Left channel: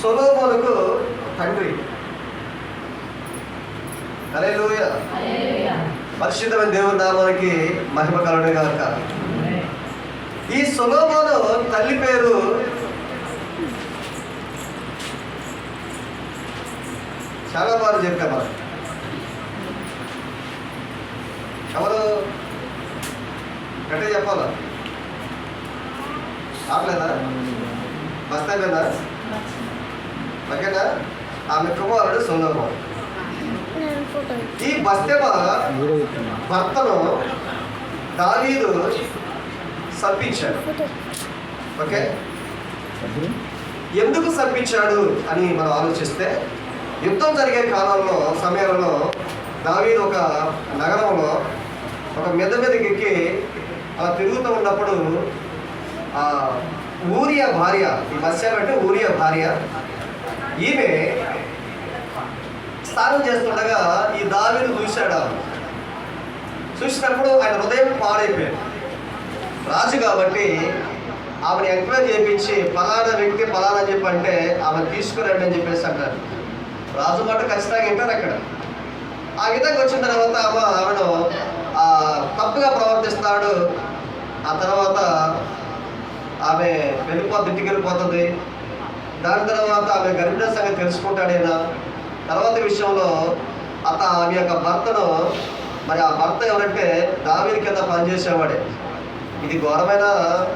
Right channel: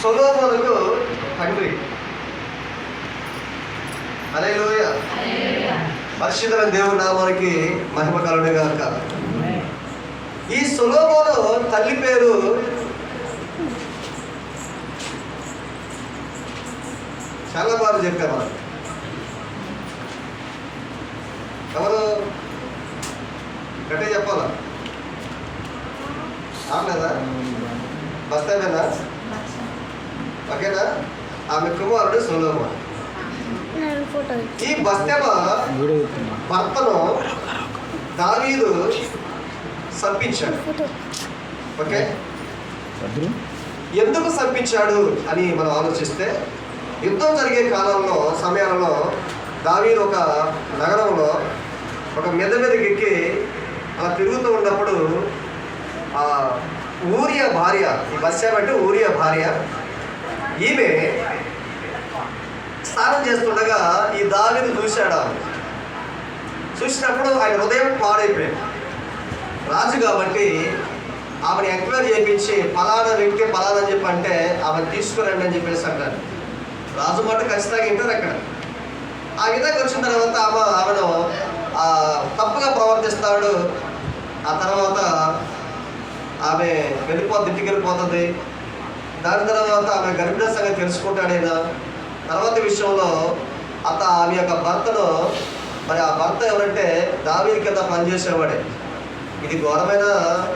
సొలొమోనుకు తండ్రి. హల్లెలూయా. పరిశుద్ధమైన దేవుని నామానికి మహిమ కలుగును గాక. ఈ సొలొమోను తల్లి పేరు చాలా బాగా చెప్పాం మనం. ఎవరు గట్టిగా చెప్పాలా? ఆపలేదా? బస్తాయినా ఓకేనా? ఆమె కుమారుడు సొలొమోను. ఈ బస్తెబ భర్తను దావీదు సంపించాడు. ఓకే, ఎందుకు సంపించాడు అని మనం ఆలోచిస్తే, యుద్ధం జరిగే సమయాలలో దావీదు ఒక నగరంలో ఒక మీదకి ఎక్కి అలా తిరుగుతూ ఉన్నప్పుడు ఊరియా భార్య, ఈ బస్సెబ అంటే ఊరియా భార్య, ఈమె స్నానం చేస్తుండగా ఈ దావీదు చూశాడు. చూసినప్పుడు ఆయన హృదయం పాడైపోయాడు. రాజు కాబట్టి ఆమెను ఎంక్వైరీ చేయించి ఫలానా వ్యక్తి ఫలానా అని చెప్పి అంటే ఆమెను తీసుకురండి అని చెప్పేసి అంటారు. రాజు మాట ఖచ్చితంగా వింటారు అక్కడ. ఆ విధంగా వచ్చిన తర్వాత ఆమెను తప్పుగా ప్రవర్తిస్తాడు. ఆ తర్వాత ఆమె ఇంటికి వెళ్ళిపోతుంది. దాని తర్వాత ఆమె గర్భిణీ సంగతి తెలుసుకుంటాడైనా. తర్వాత విషయంలో ఆమె యొక్క భర్తను, మరి ఆ భర్త ఎవరంటే దావీదు కింద పనిచేసేవాడే. ఇది ఘోరమైన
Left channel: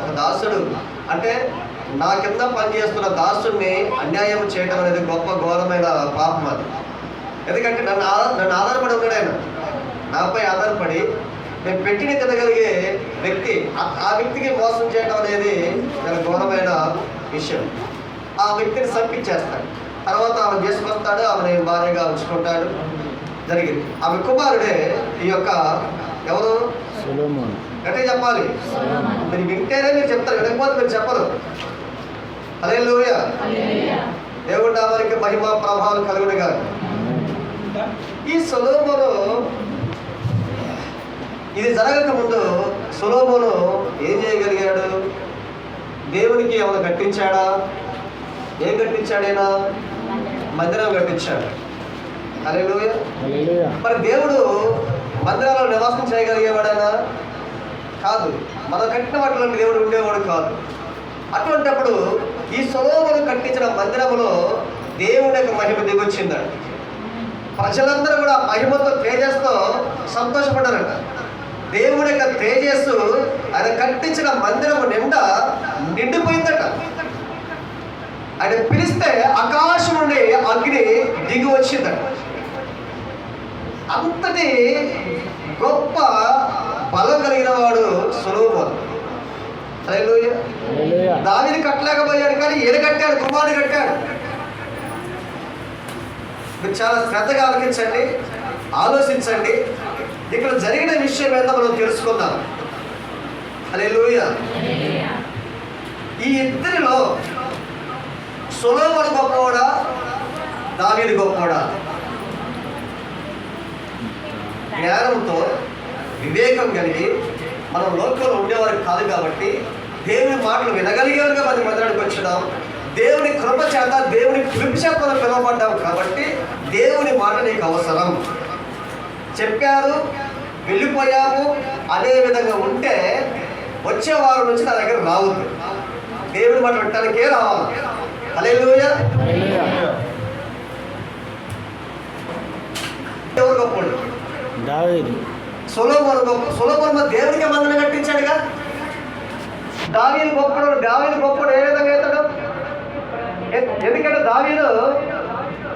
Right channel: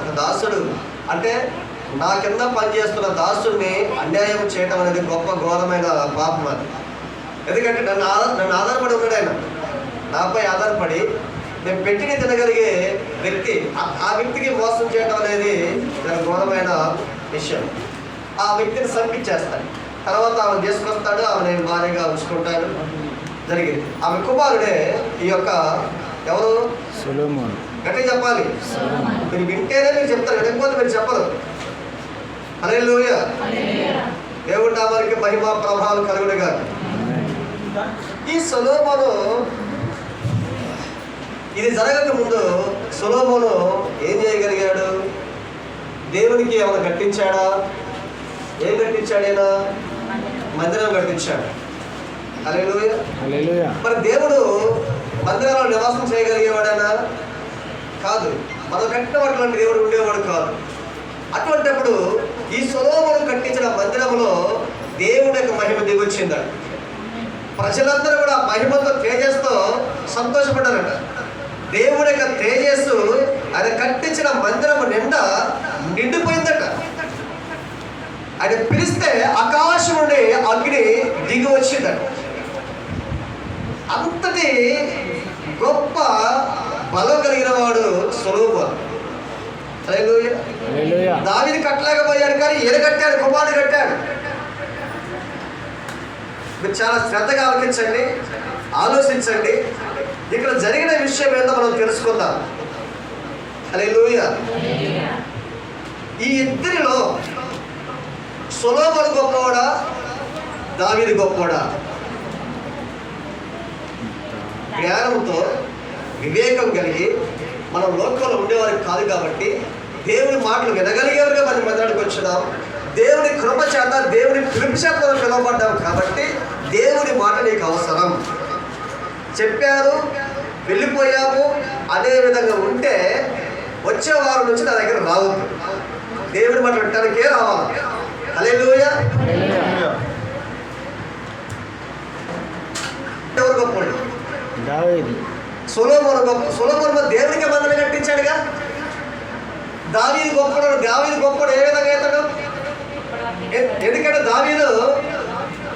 ఒక దాసుడు, అంటే నా కింద పనిచేస్తున్న దాసుడిని అన్యాయం చేయడం అనేది గొప్ప ఘోరమైన పాపం అది. ఎందుకంటే నన్ను ఆధారపడి ఉన్నాడు ఆయన, నాపై ఆధారపడి నేను పెట్టిని తినగలిగే వ్యక్తి, ఆ వ్యక్తికి మోసం చేయడం అనేది చాలా ఘోరమైన విషయం. ఆ వ్యక్తిని సంపించేస్తాడు. తర్వాత ఆమె చేసుకొస్తాడు, ఆమె భార్యగా ఉంచుకుంటాడు. జరిగింది. ఆమె కుమారుడే ఈ యొక్క ఎవరు? సొలొమోను. అంటే చెప్పాలి, మీరు వింటేనే మీరు చెప్తారు, వినకపోతే మీరు చెప్పరు. హల్లెలూయా. దేవుడి నామానికి మహిమ ప్రభావం కలుగును గాక. ఈ సొలొమోను, ఇది జరగక ముందు సొలొమోను ఏం చేయగలిగాడు? దేవునికి ఏమైనా కట్టించాడా? ఏం కట్టించాడైనా? మందిరం కట్టించాడు. హల్లెలూయా. మరి దేవుడు మందిరాల్లో నివాసం చేయగలిగేవాడైనా? కాదు. మనం కట్టిన వాటిలో దేవుడు ఉండేవాడు కాదు. అటువంటిప్పుడు ఈ సొలొమోను కట్టించిన మందిరంలో దేవుడి యొక్క మహిమ దిగొచ్చిందట. ప్రజలందరూ కూడా మహిమతో తేజస్తో సంతోషపడ్డారట. దేవుడి యొక్క తేజస్సు ఆయన కట్టించిన మందిరము నిండా నిండిపోయిందట. ఆయన పిలిస్తే ఆకాశం నుండి అగ్ని దిగి వచ్చిందట. అంతటి గొప్ప బలం కలిగిన వాడు సొలొమోను. హల్లెలూయా. దావీదు కట్టలేకపోయాడు, కానీ ఈయన కట్టాడు, కుమారుడు కట్టాడు. మీరు చాలా శ్రద్ధగా ఆలోచించండి, ఆలోచించండి. ఇక్కడ జరిగిన విషయం ఏందో మనం తెలుసుకుందాం. హల్లెలూయా. ఈ ఇద్దరిలో సొలొమోను గొప్పవాడా, దావీదు గొప్పవాడా? జ్ఞానంతో వివేకం కలిగి మనం లోకంలో ఉండేవారికి కాదు కాబట్టి దేవుడి మాటలు వినగలిగేవారుగా మనం మందిరానికి వచ్చినాం. దేవుడి కృప చేత, దేవుడి పిలుపు చేత మనం పిలువబడ్డాం కాబట్టి దేవుడి మాట నీకు అవసరం. చెప్పారు, వెళ్ళిపోయాము అనే విధంగా ఉంటే వచ్చే వారం నుంచి నా దగ్గర రావద్దు. దేవుడి మాట వినటానికే రావాలి. హల్లెలూయా. ఎవరు గొప్పవాడు? దావీదు. సొలొమోను గొప్ప. సొలొమోను దేవుడికి మందిరం కట్టించాడుగా. దావీదు గొప్పవాడు. దావీదు గొప్పవాడు ఏ విధంగా అవుతాడు? ఎందుకంటే దావీదు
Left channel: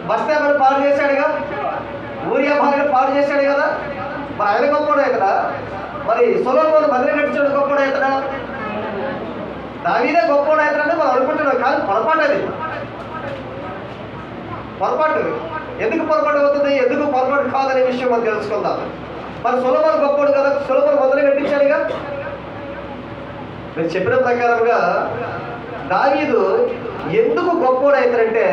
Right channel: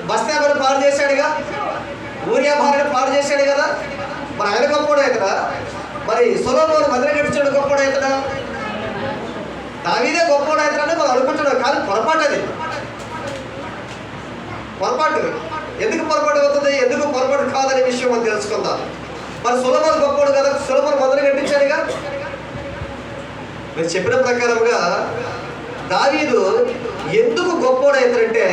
బస్తెబను పాడు చేశాడుగా, ఊరియా భార్యను పాడు చేశాడు కదా. మరి ఆయన గొప్పవాడు అవుతాడా? మరి సొలొమోను మందిరం కట్టించాడు గొప్పవాడు అవుతాడా? దావీదే గొప్పవాడు అవుతాడని మనం అనుకుంటున్నాం, కానీ పొరపాటు. అది పొరపాటు. ఎందుకు పొరపాటు అవుతుంది, ఎందుకు పొరపాటు కాదనే విషయం మనం తెలుసుకుందాం. మరి సొలొమోను గొప్పవాడు కదా, సొలొమోను మందిరం కట్టించాడుగా. మీరు చెప్పిన ప్రకారంగా దావీదు ఎందుకు గొప్పవాడు అవుతాడంటే,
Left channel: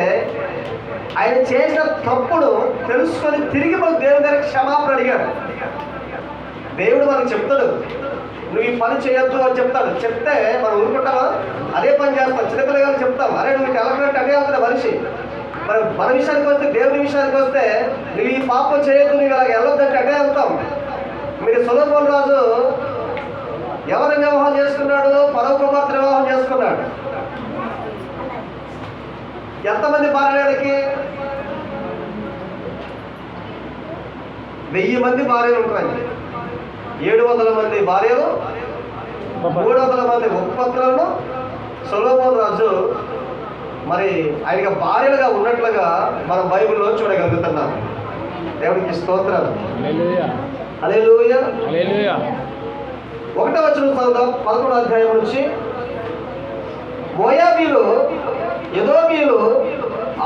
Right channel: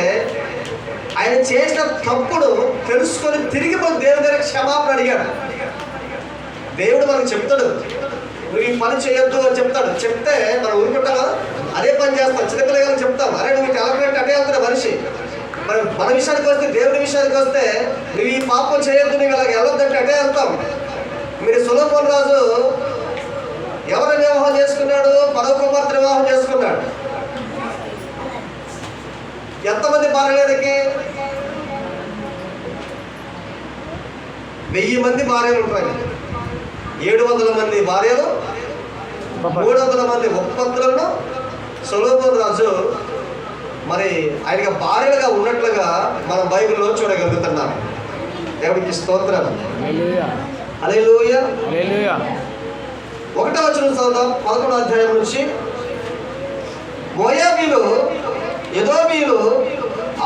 ఆయన చేసిన తప్పును తెలుసుకొని తిరిగి మన దేవుని దగ్గర క్షమాపణ అడిగాడు. దేవుడు మనకు చెప్తాడు, నువ్వు ఈ పని చేయొద్దు అని చెప్తాడు. చెప్తే మనం ఊరుకుంటావా? అదే పని చేస్తాం. చిన్నపిల్లగాలకు చెప్తాం, అరే నువ్వు టెలగ్రామ్ అంటే వెళ్తున్నా మనిషి మన విషయానికి వస్తే, దేవుని విషయానికి వస్తే, నువ్వు ఈ పాపం చేయొద్దు, నువ్వు అలాగ వెళ్ళొద్దంటే అటే వెళ్తాం. మీరు సొలొమోను రాజు ఎవరిని వివాహం చేసుకున్నాడు? ఫరో కుమార్తె వివాహం చేసుకున్నాడు. ఎంతమంది భార్యలకి? 1000 మంది భార్యలు ఉంటారు. 700 మంది భార్యలు, 300 మంది ఉపపత్నులను సొలొమోను రాజు మరి ఆయనకి భార్యలుగా ఉన్నట్లుగా మనం బైబిల్లో చూడగలుగుతున్నాం. దేవుడికి స్తోత్రం. హల్లెలూయా. 1వ వచనం చదువుదాం, 11వ అధ్యాయం నుంచి. మోయాబీలు, ఎదోమీయులు,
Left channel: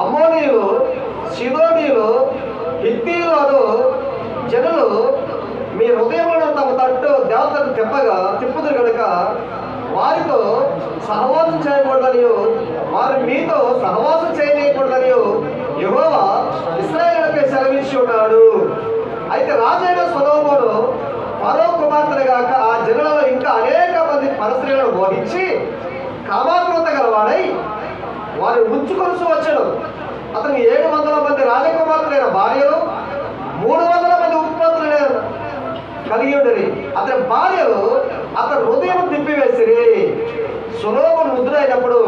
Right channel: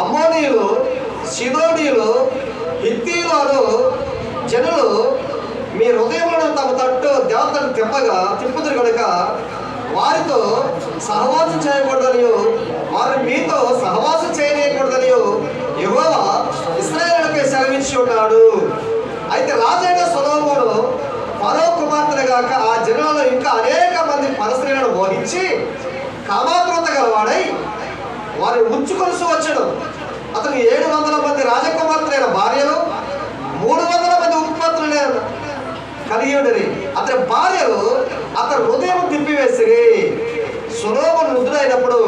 అమ్మోనీయులు, సిదోనీయులు, హిత్తీయులు అను జనులు మీ హృదయంలో తమ తట్టు దేవతను తిప్పుదురు కనుక వారితో సహవాసం చేయకూడదని, వారు మీతో సహవాసం చేయకూడదని యెహోవా ఇశ్రాయేలుపై సెలవించి ఉన్నాడు. అయితే రాజైన సొలొమోను ఫరో కుమార్తెను గాక ఆ జనులలో ఇంకా అనేక మంది పరస్త్రీలను మోహించి కామాతృత గలవాడై వారిని ఉంచుకొలుసు వచ్చాడు. అతను 700 మంది రాజకుమార్తెలైన భార్యలు, 300 మంది ఉపపత్నులు కలిగి ఉండేది. అతని భార్యలు అతని హృదయం తిప్పివేసిరి. సొలొమోను వృద్ధుడైనప్పుడు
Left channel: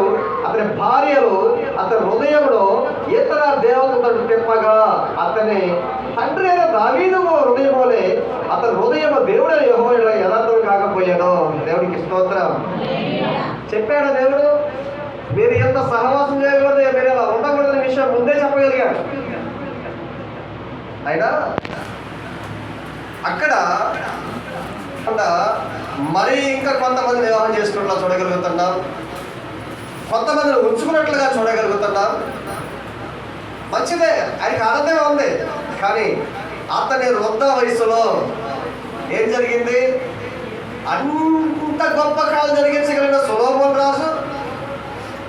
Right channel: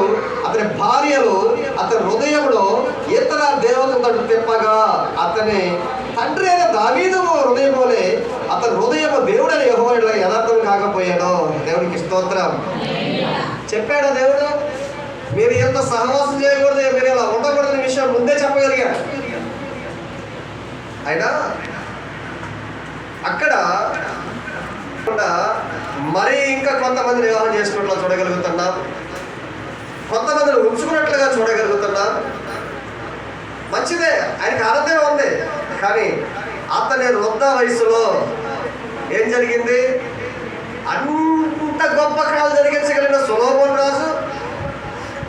అతని భార్యలు అతని హృదయంలో ఇతర దేవతలను తిప్పగా అతని తండ్రి అయిన దావీదు హృదయం వలె అతని హృదయం దేవుడైన యెహోవా యథార్థం కాకపోయాడు. దేవునికి స్తోత్రం. చెప్పాడు దేవుడు, మీరు ఎంత సహవాసం చేయకూడదు, మీరు ఇలా ఉండకూడదని విషయం ముందే చెప్పగలిగాడు. అయినా అక్కడ మరి ఇంకా కొంతమంది వివాహం చేసుకున్నట్లా చూడగలుగుతున్నాం, కొంతమందిని ఉంచుకున్నట్లుగా చూడగలుగుతున్నాం. మంచిదే, ఆయనకి ఆనందమే ఉంది. కానీ అతని వృద్ధ వయసులో ఏం జరిగింది? అంత గొప్ప కాలు జరిగించగలిగిన సొలొమోను రాజు,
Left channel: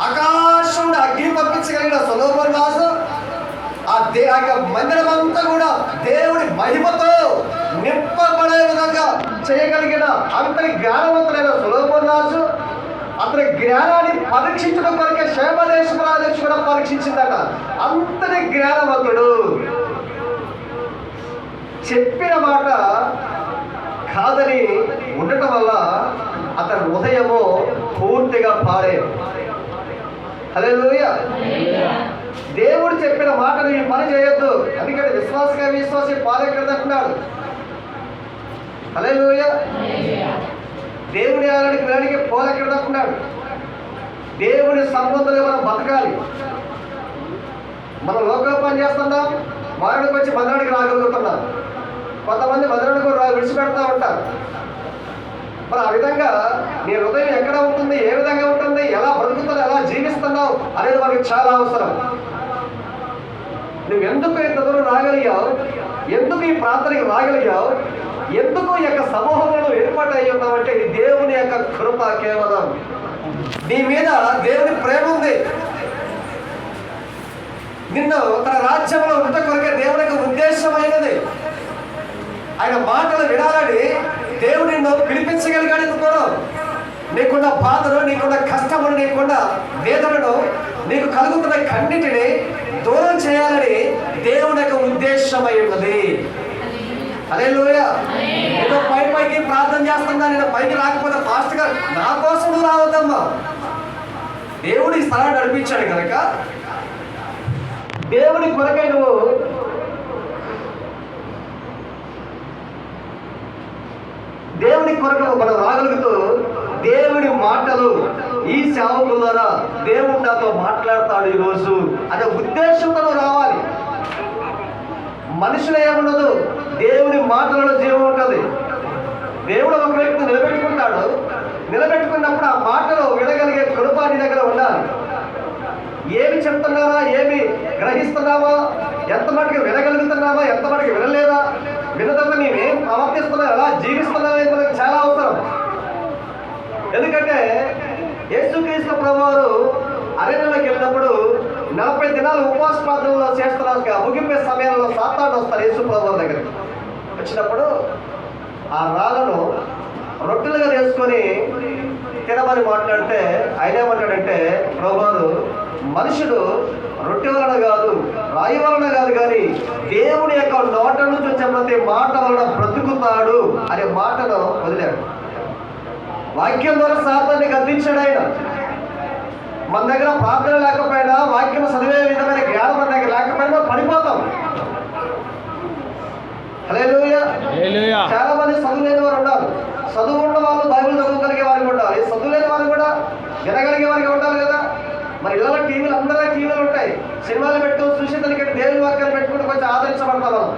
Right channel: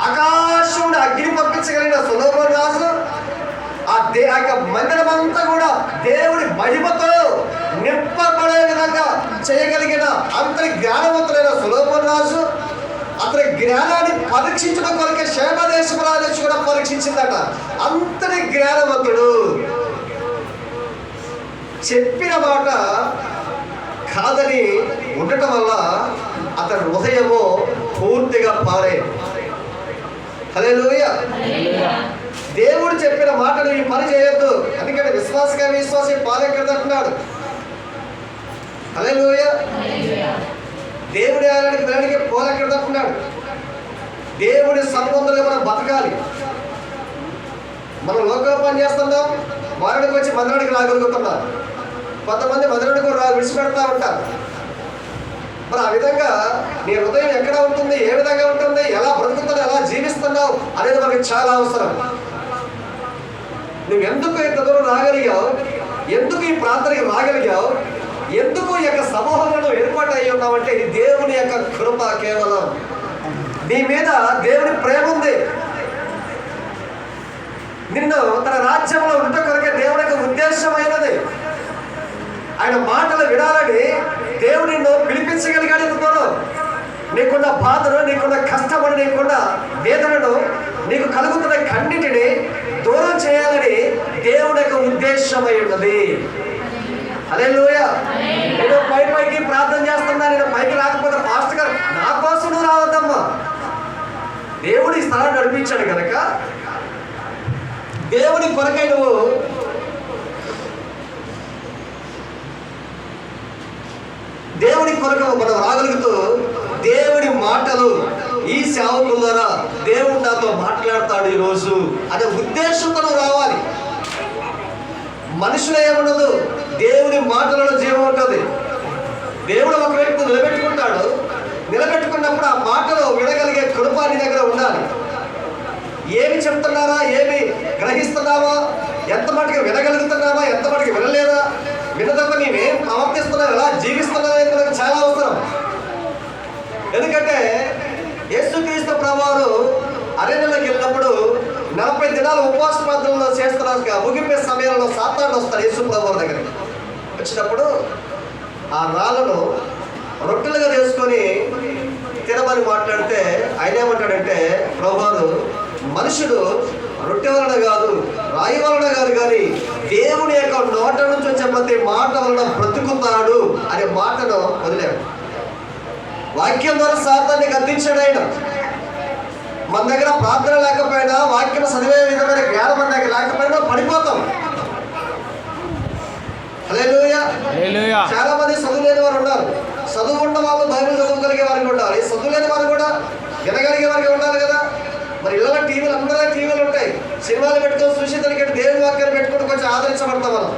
ఆకాశముడు అగ్ని పంపించగలిగిన సొలొమోను రాజు, ఆ మందిరం అంతా కూడా దేవుడి మహిమతో నింపబడే విధంగా చేయగలిగిన అంతటి జ్ఞానవంతులైన సొలొమోను రాజు, అతని జ్ఞానాన్ని పరీక్షించడం కొరకే క్షేమదేశపు రాజు కూడా పరీక్షించిందట. అంతటి జ్ఞానవంతుడు. చెప్పిన మాట కాదని ఉండటం వల్ల అతని హృదయము పూర్తిగా పారే. హల్లెలూయా. దేవుడు చెప్పిన మాటను ఈ పని చేయొద్దు, ఎందుకంటే విశ్వాసి పాలెక్కడంటున్నాడు. హల్లెలూయా. దేవుడి ఆలయానికి వెళ్ళడానికి పోలెక్కడంటున్నాడు. దేవుడి సంబంధంగా మనం బతకాలి. మనం లోకల్ పని చేస్తున్నాం, మరణకు వచ్చి మందిరానికి రాగలుగుతున్నాం. కొంతమంది మందిరానికి విడిచిపెడతా ఉంటారు. మరి ఆ విధంగా నీ హృదయం ఎక్కడ ఉంటుంది, ఏ విధంగా ఉంటుంది, ఎలా బ్రతుకుతున్నావు, ఎలా జీవిస్తున్నావు అనేది మనకి చాలా అవసరం. నువ్వు ఎందుకు ఇంత దూరం రాగలిగావు, ఎందుకు ఈ ప్రాంతానికి రాగలిగావు, ఎందుకు ఈ యొక్క సమూహంలో ఏర్పాటు అయ్యి ఉన్నావంటే ఇది దేవుని యొక్క కృప. కేవలం నీ మీద దేవుని ప్రేమ ఉంది. నిన్ను తన రాజ్యంలో ఉంట కొరకే దేవుని యొక్క ఉద్దేశమైనది. ఆయన మాటలు వినాలని దేవుడు నిన్ను పిలిపించగలిగాడు. ఎందుకోను నీకున్న బాధను, నీకున్న కష్టమును, నీకున్న వేదనను, నీకు కలుగుతున్న కన్నిటిని దూరం చేయాలని దేవుని యొక్క ఉద్దేశమై ఉన్నది. హల్లెలూయా. నేను పైకి ప్రార్థన చేస్తున్నా, నేను పైకి రాకపోతే పాస్టర్ గారు నా కోసం నువ్వు రావద్దమ్మా. దేవుడు ఈ స్థలాన్ని నడిపించాడు కనుక దేవుని కొరకై నువ్వు దేవుని కొరకు మనం రాగలుగుతూ దేవుడి మాటలు ఈ సేవకుల ద్వారా దేవుడు నాతో మాట్లాడతాడు ఈరోజు అనే ఉద్దేశంతో రావాలి. మనుషులు ఏముండదు, దేవుని మాటలలో జీవం ఉంటుంది. దేవుడు ఒక వ్యక్తిని నిలబెట్టుకుంటాడు. నిలబెట్టుకున్నప్పుడు ఆ మాటలు వినగలిగే కృప నీ దగ్గర ఉండాలి. ఏమి చెప్తున్నావా, ఏమి గ్రహిస్తున్నావా, ఎంత మటుకు వినగలుగుతున్నావా, ఎంత మటుకు వినలేదా, వినదంతా నీవేం ప్రవర్తిస్తున్నావు, ఎలా జీవిస్తున్నావు అనేది మనకు చాలా అవసరం. ఎందుకంటే యేసుక్రీస్తు ప్రభువారు అరణ్యంలోకి వెళ్ళినప్పుడు 40 దినాలు ఉపవాస ప్రార్థనలో చేస్తున్నారు. ముగింపే సమయంలో సాతాను వస్తాడు యేసు ప్రభువారి దగ్గరికి. వచ్చినప్పుడు ఆ రాళ్ళను రొట్టెలుగా తీసుకొని తినమని మాట్లాడితే ఆయన ఏమంటాడంటే, ప్రభువారు మనుషులు రొట్టె వలన కాదు, రాయి వలన కాదు, కానీ దేవుని యొక్క నోట నుంచి వచ్చే ప్రతి మాట వలన బ్రతుకుతాడు అనే మాటను వదిలాడు. వాక్యం ద్వారా సాతాన్ని గద్దించాడు ఆయన. మన దగ్గర ప్రార్థన లేకపోయినా, వాక్యం చదివే విధమైన జ్ఞానం మన దగ్గర లేకపోయినా పడిపోతాం. హల్లెలూయా. చాలా మంది చదువు లేని వారు ఉన్నారు. చదువు ఉన్న వాళ్ళు బైబిల్ చదవగలిగే వారికి ఉండాలి, చదువు లేని వారు కూడా వినగలిగే వారికి ఉండాలి కదా. మరి ఇళ్ళ టీవీలు, అందరూ టీవీలు ఉంటాయి, సినిమాలు పెట్టుకొని చూసి దానికి దేవుని వాక్యాన్ని పెట్టుకుంటూ కొంచెం ఆదరించబడతాం మనం.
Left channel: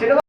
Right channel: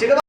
సినిమా